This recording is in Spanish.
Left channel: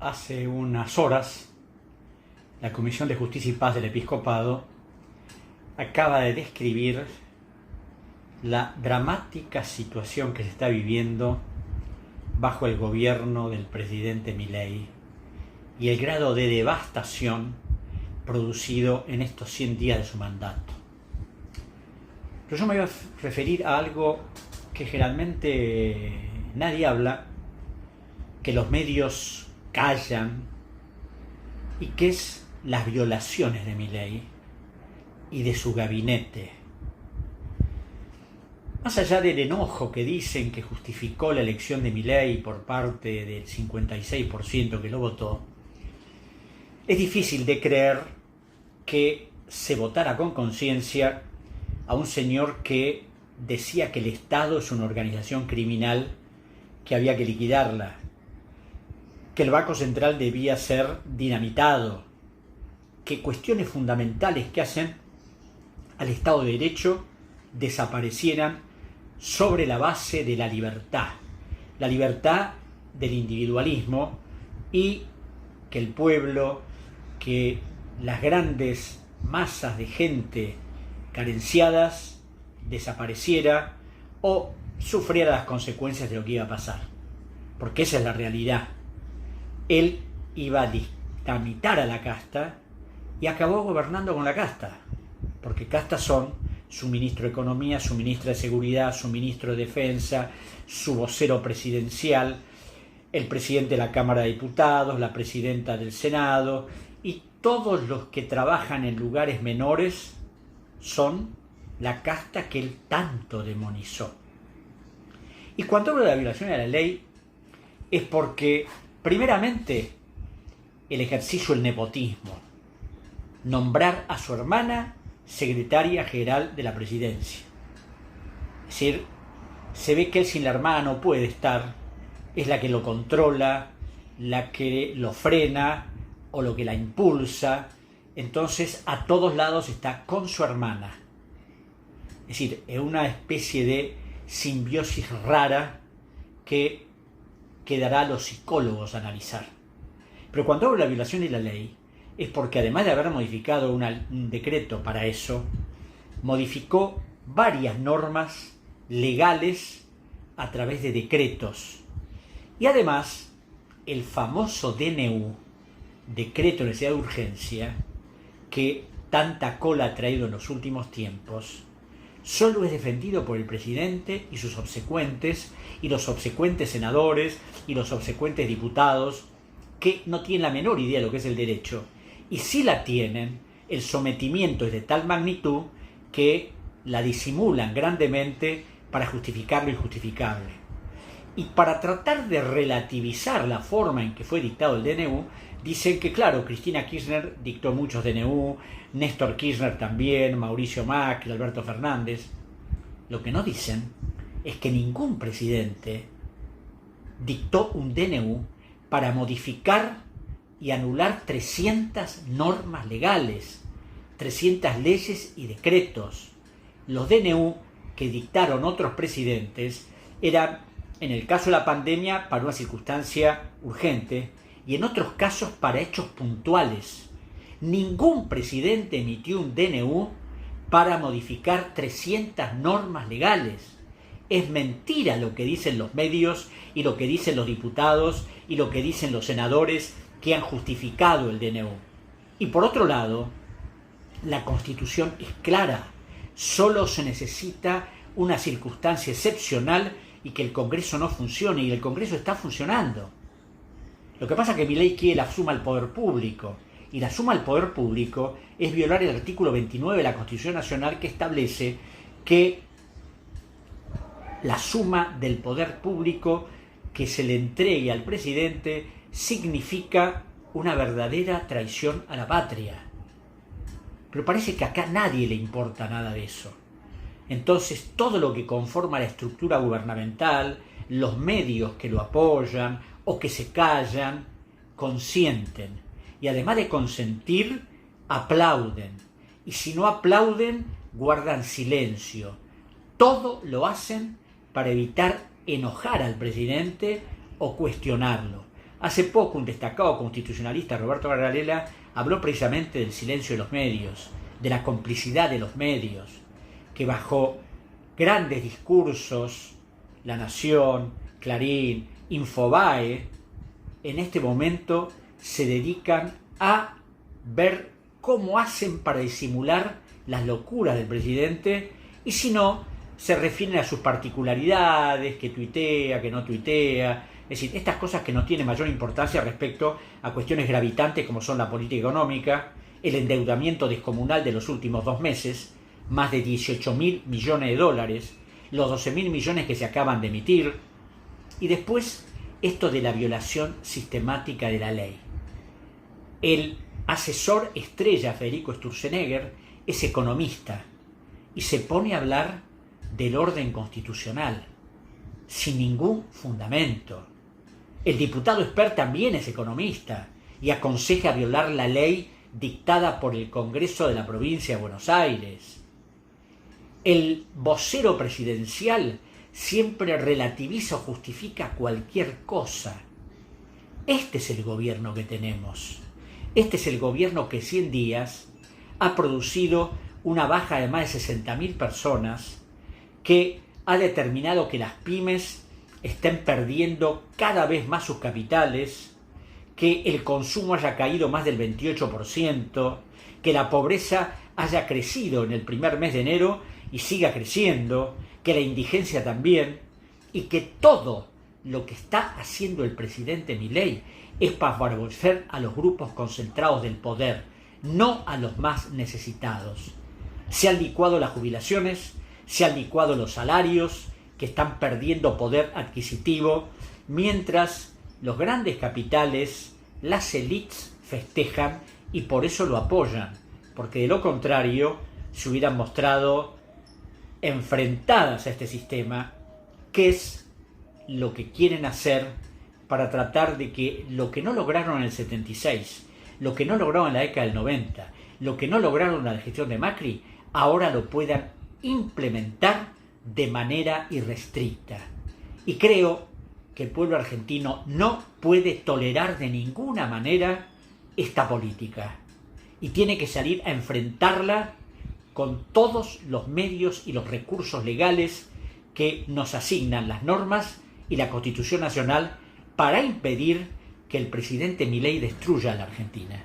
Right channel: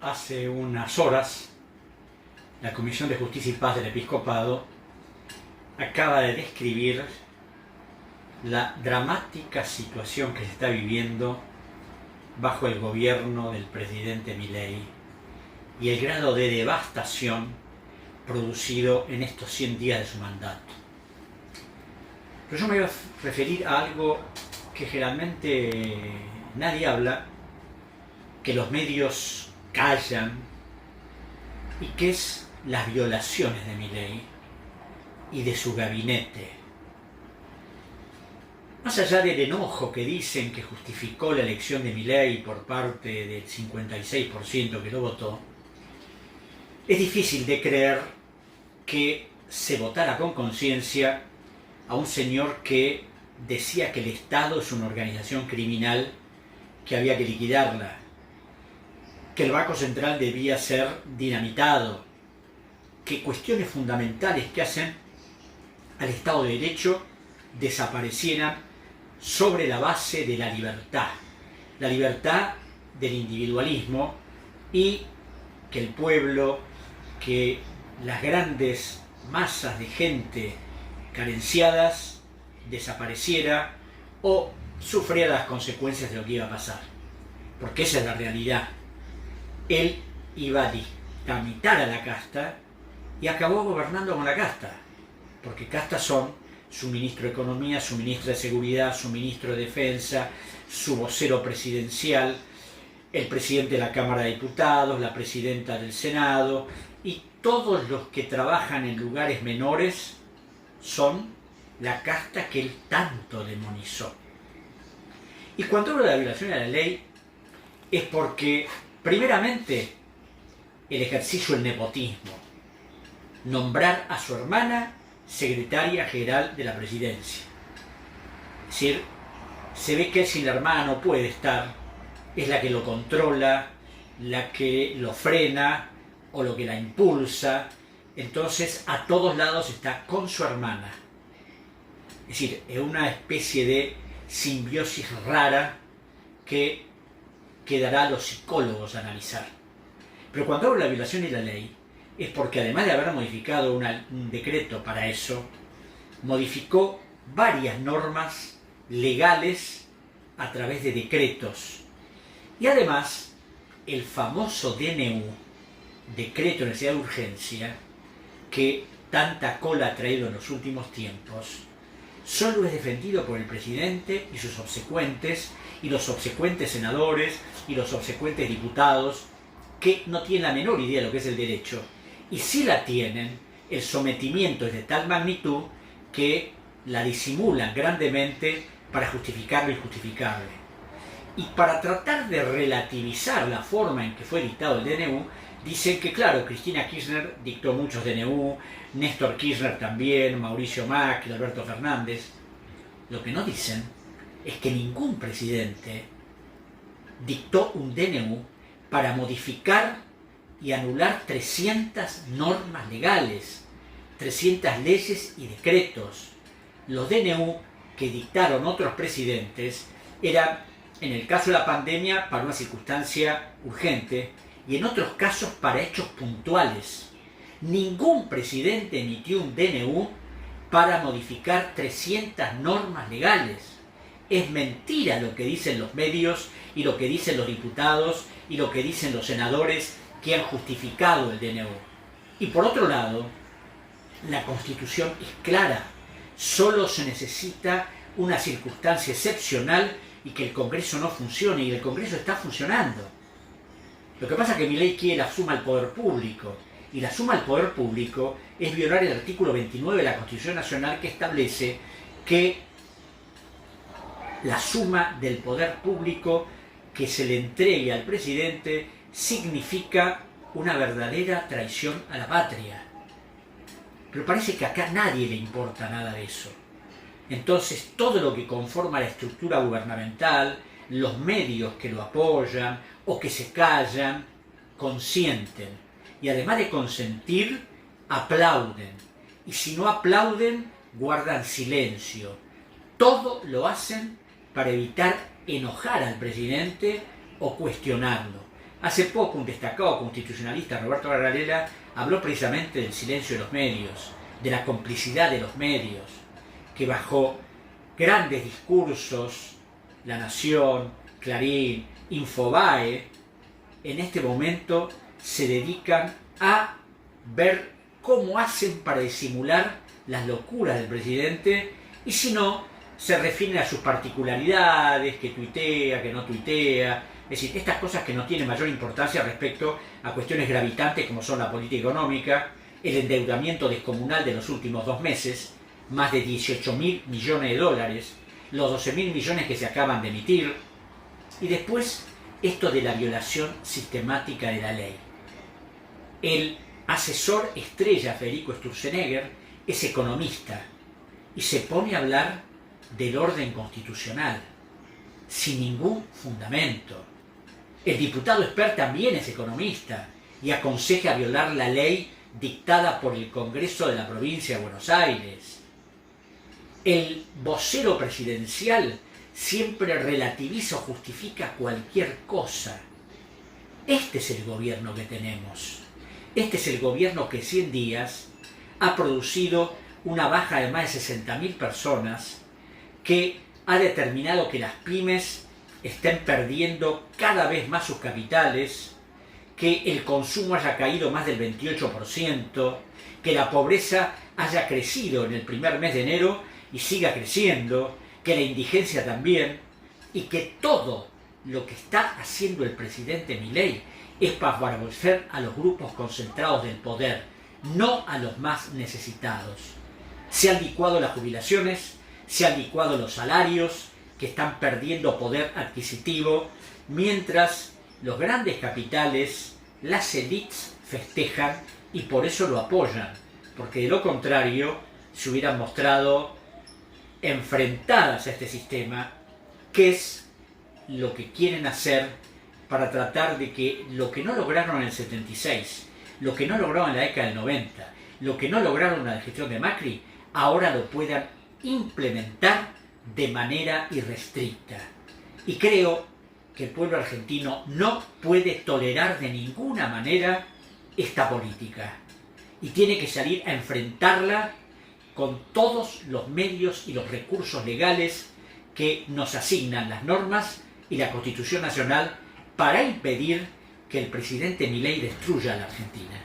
Hace unas horas, la Comisión de Justicia y Paz del Episcopado acaba de describir la dramática situación que se está viviendo bajo el gobierno del presidente Milei y el grado de devastación producido en estos 100 días de su mandato. Pero yo me voy a referir a algo que generalmente nadie habla, que los medios callan, y que es las violaciones de Milei y de su gabinete. Más allá del enojo que dicen que justificó la elección de Milei por parte del 56% que lo votó, es difícil de creer que se votara con conciencia a un señor que decía que el Estado es una organización criminal que había que liquidarla, que el Banco Central debía ser dinamitado, que cuestiones fundamentales que hacen al Estado de Derecho desaparecieran sobre la base de la libertad del individualismo, y que el pueblo, que las grandes masas de gente carenciadas desapareciera o sufriera las consecuencias de lo que iba a pasar, porque esa es la realidad. Él iba a dinamitar a la casta y acabó gobernando con la casta, porque castas son su ministro de Economía, su ministra de Seguridad, su ministro de Defensa, su vocero presidencial, el presidente de la Cámara de Diputados, la presidenta del Senado, y todos los que trabajan en lugares menores son la casta que él tanto demonizó. Y cuando hablo de la violación de la ley es porque, primeramente, el ejercicio del nepotismo, nombrar a su hermana secretaria general de la presidencia. Es decir, se ve que si la hermana no puede estar, es la que lo controla, la que lo frena o lo que la impulsa. Entonces, a todos lados está con su hermana. Es decir, es una especie de simbiosis rara que quedará a los psicólogos a analizar. Pero cuando hablo de la violación de la ley, es porque además de haber modificado un decreto para eso, modificó varias normas legales a través de decretos. Y además, el famoso DNU, Decreto de Necesidad de Urgencia, que tanta cola ha traído en los últimos tiempos, solo es defendido por el presidente y sus obsecuentes, y los obsecuentes senadores, y los obsecuentes diputados, que no tienen la menor idea de lo que es el derecho. Y si la tienen, el sometimiento es de tal magnitud que la disimulan grandemente para justificar lo injustificable. Y para tratar de relativizar la forma en que fue dictado el DNU, dicen que, claro, Cristina Kirchner dictó muchos DNU, Néstor Kirchner también, Mauricio Macri, Alberto Fernández. Lo que no dicen es que ningún presidente dictó un DNU para modificar y anular 300 normas legales, 300 leyes y decretos. Los DNU que dictaron otros presidentes eran, en el caso de la pandemia, para una circunstancia urgente, y en otros casos para hechos puntuales. Ningún presidente emitió un DNU para modificar 300 normas legales. Es mentira lo que dicen los medios y lo que dicen los diputados y lo que dicen los senadores que han justificado el DNU. Y por otro lado, la Constitución es clara. Solo se necesita una circunstancia excepcional y que el Congreso no funcione, y el Congreso está funcionando. Lo que pasa es que Milei quiere la suma al poder público, y la suma al poder público es violar el artículo 29 de la Constitución Nacional, que establece que la suma del poder público que se le entregue al presidente significa una verdadera traición a la patria. Pero parece que acá a nadie le importa nada de eso. Entonces, todo lo que conforma la estructura gubernamental, los medios que lo apoyan o que se callan, consienten. Y además de consentir, aplauden. Y si no aplauden, guardan silencio. Todo lo hacen para evitar enojar al presidente o cuestionarlo. Hace poco un destacado constitucionalista, Roberto Varela, habló precisamente del silencio de los medios, de la complicidad de los medios, que bajo grandes discursos, La Nación, Clarín, Infobae, en este momento se dedican a ver cómo hacen para disimular las locuras del presidente, y si no, se refieren a sus particularidades, que tuitea, que no tuitea, es decir, estas cosas que no tienen mayor importancia respecto a cuestiones gravitantes como son la política económica, el endeudamiento descomunal de los últimos 2 meses, más de 18.000 millones de dólares, los 12.000 millones que se acaban de emitir, y después esto de la violación sistemática de la ley. El asesor estrella Federico Sturzenegger es economista y se pone a hablar del orden constitucional sin ningún fundamento. El diputado Esper también es economista y aconseja violar la ley dictada por el Congreso de la Provincia de Buenos Aires. El vocero presidencial siempre relativiza o justifica cualquier cosa. Este es el gobierno que tenemos. Este es el gobierno que 100 días ha producido una baja de más de 60.000 personas, que ha determinado que las pymes estén perdiendo cada vez más sus capitales, que el consumo haya caído más del 28%, que la pobreza haya crecido en el primer mes de enero y siga creciendo, que la indigencia también, y que todo lo que está haciendo el presidente Milei es para favorecer a los grupos concentrados del poder, no a los más necesitados. Se han licuado las jubilaciones, se han licuado los salarios, que están perdiendo poder adquisitivo, mientras los grandes capitales, las élites, festejan y por eso lo apoyan, porque de lo contrario se hubieran mostrado enfrentadas a este sistema, que es lo que quieren hacer para tratar de que lo que no lograron en el 76, lo que no lograron en la década del 90, lo que no lograron en la gestión de Macri, ahora lo puedan implementar de manera irrestricta. Y creo que el pueblo argentino no puede tolerar de ninguna manera esta política y tiene que salir a enfrentarla con todos los medios y los recursos legales que nos asignan las normas y la Constitución Nacional para impedir que el presidente Milei destruya a la Argentina.